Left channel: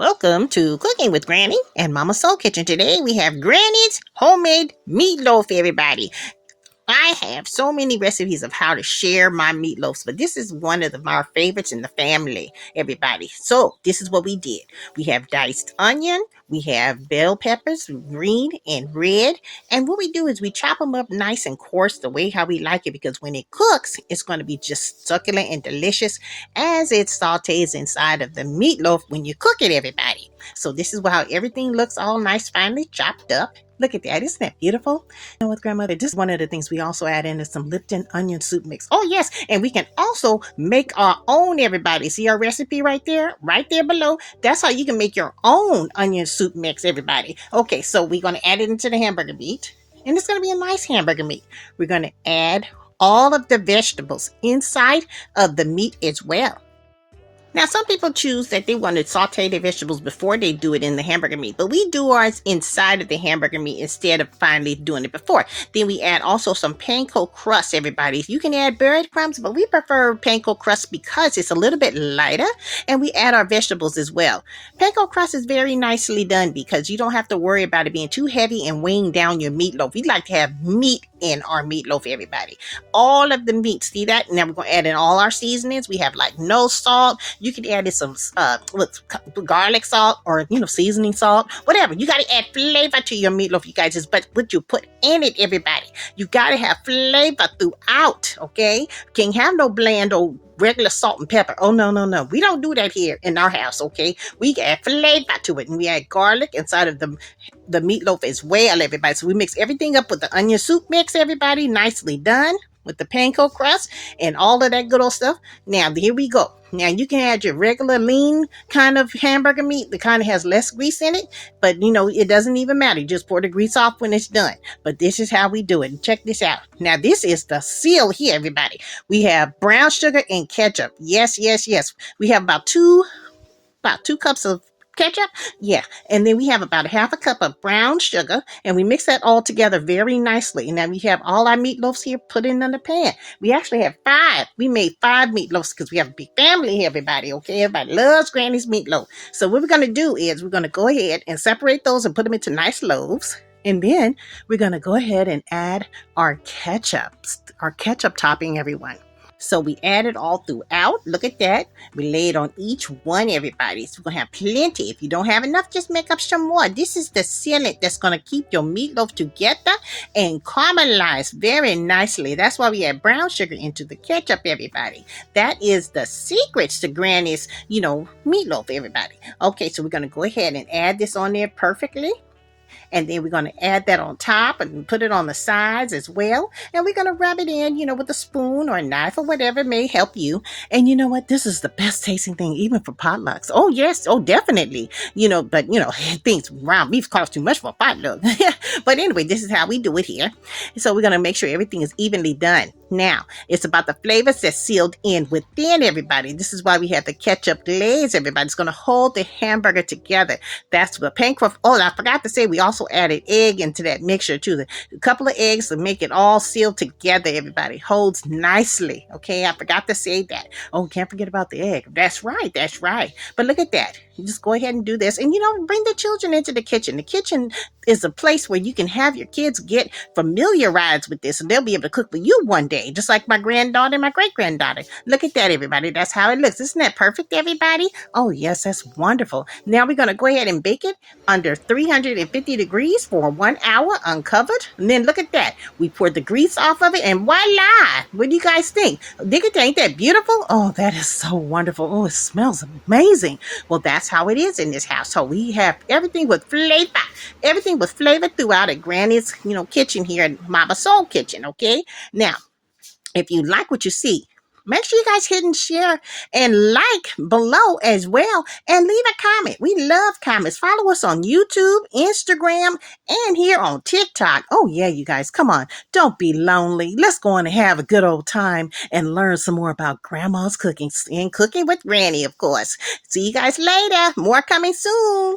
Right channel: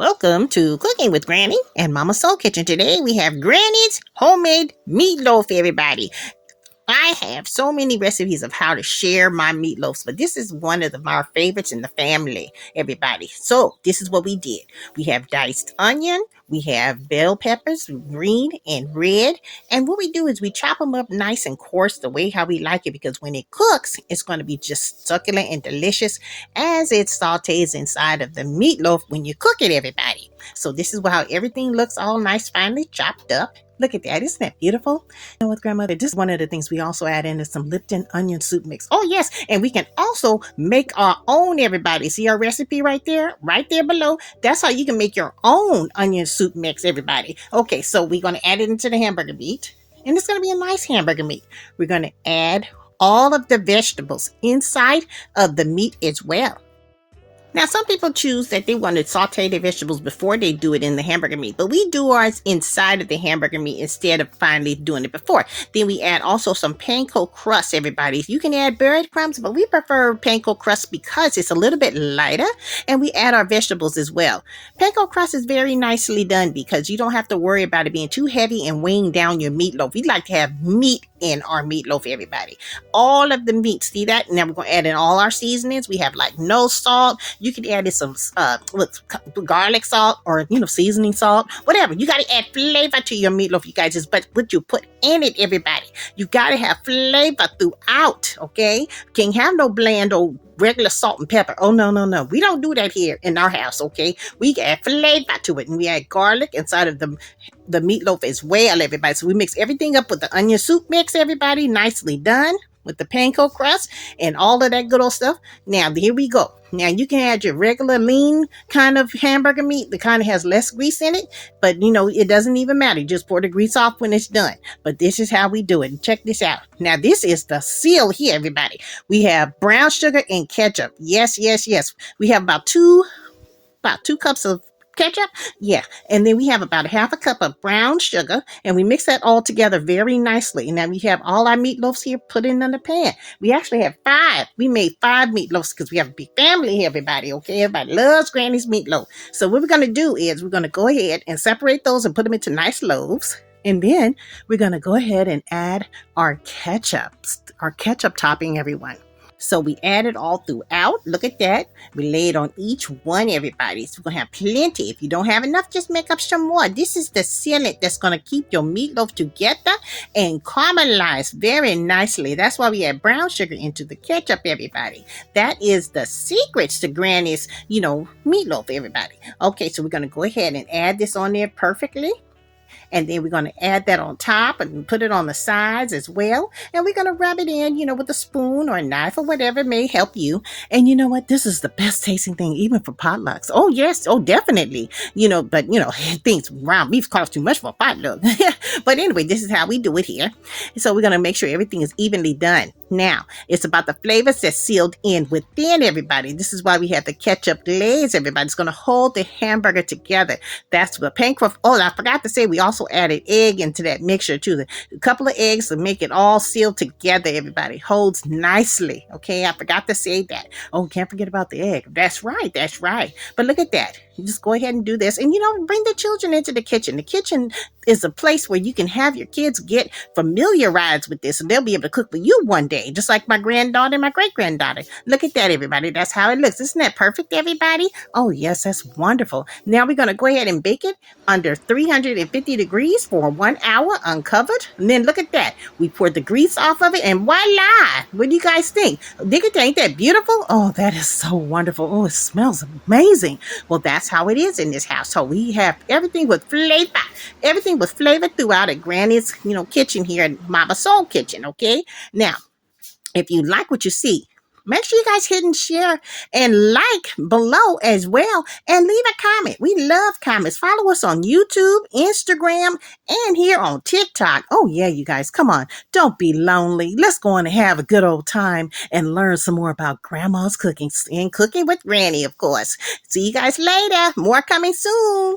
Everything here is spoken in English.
Welcome to Cooking with Granny and Mama Soul Kitchen. Today we have Granny's homemade meatloaf, everybody. I have so many recipes of how to share my meatloaves, but this is one of our favorites in the family, everybody. So this is what we did. We have diced onion, we have bell peppers, green and red, and what we do is we chop them up nice and coarse the way how we like it, because when it cooks, it's going to be just succulent and delicious as it sautés inside of the meatloaf when you cook it, everybody. So this is how everything looks, all nice, finely chopped up. Look at that. Isn't that beautiful? You know what, grandmother? This is one of the things we also add in is some Lipton onion soup mix. Oh, yes. And we can also make our own, everybody. See our recipe right there below? That's how you can make your own onion soup mix, everybody. Okay, so we're going to add it into the hamburger meat. And it's going to be a nice hamburger meat. We're going to add all of the vegetables inside of the meat as well. Now, some people choose that they want to saute their vegetables before they do it in the hamburger meat, but we do ours inside of the hamburger meat instead of finally doing it before. Then we add also some panko crust, everybody. You can add breadcrumbs, but we prefer panko crust because it's a little bit lighter, and we add our vegetables as well. Panko crust is very nicely done because you don't have to worry about it being too heavy and weighing down your meatloaf. We like to have meat in our meatloaf, everybody. All of the meat, see that? Now we're going to add in all our seasonings. We have like no salt. You can add in some garlic salt or, seasoning salt, whatever. You got to add flavor to your meatloaf, you guys. But what you put in it, everybody, you got to have flavor throughout, okay? Can't have no bland old regular salt and pepper. Oh, no. We don't do that here in our house, okay? We add flavor to it, and we add garlic inside of the meatloaf as well, everybody. So we mix everything up with the onion soup mix, everybody. Nicely done with the panko crust and all of that good old stuff. Now, here we go. Now, you can add your regular lean kind of hamburger meat that kind of has less grease in it, but, it doesn't even matter. You just pour the grease off when it's done. But this is how we do it. Check this out. Now, this is the seal here, everybody. We have brown sugar and ketchup. Yes. We have about two cups of ketchup, yeah, and then we have about half a cup of brown sugar, and we mix that all together very nicely. Now we have all our meatloaves here put in the pan. We actually have 5. We made 5 meatloaves because we have a big family here, everybody, okay? Everybody loves Granny's meatloaf. So what we're going to do is we're going to go ahead and separate those and put them into nice loaves. And then we're going to go ahead and add our ketchup topping, everyone. So we add it all throughout. Look at that. We lay it on each one, everybody. So we're going to have plenty. If you don't have enough, just make up some more. This is the sealant that's going to keep your meatloaf together and caramelize very nicely. That's why we add brown sugar into the ketchup, everybody. That is the secrets to Granny's, meatloaf, everybody. Okay, so we're going to go ahead and add this on there perfectly. And then we're going to add that on top and put it on the sides as well. And we're going to rub it in, with a spoon or a knife or whatever may help you. And you know what? This is the best tasting thing, even for potlucks. Oh, yes. Oh, definitely. But, things ground beef cost too much for a potluck. But anyway, this is how we do it here. So we're going to make sure everything is evenly done. Now, it's about the flavors that's sealed in within, everybody. This is why we have the ketchup glaze, everybody. It's going to hold the hamburger together. That's the panko. Oh, I forgot to say we also added egg into that mixture too. A couple of eggs to make it all sealed together, everybody. Holds nicely. Okay, I forgot to say that. Oh, can't forget about the egg. That's right. But look at that. You just go ahead and do this. And, bring the children into the kitchen. The kitchen is a place where you can have your kids get familiarized with this, and they'll be able to cook for you one day, just like my granddaughter and my great-granddaughter. Look at that, everybody. That's how it looks. Isn't that perfect, everybody? Oh, yes, that's wonderful. Now we're going to go ahead and bake it under 350 degrees for 1 hour uncovered. And then look at that. We poured the grease off of it, and voila! What do you guys think? Ain't that beautiful? Oh, that is so wonderful. Oh, it smells amazing. Well, that's how it is in this household. We have everything with flavor. Everything with flavor throughout at Granny's, kitchen here at Mama Soul Kitchen, okay? Now, if you like what you see, make sure you guys hit and share and like below as well, and leave a comment. We love comments. Follow us on YouTube, Instagram, and here on TikTok. Oh, yeah, you guys, come on. Don't be lonely. Let's go on and have a good old time and learn some more about Grandma's cooking and cooking with Granny, of course. See you guys later. More coming soon.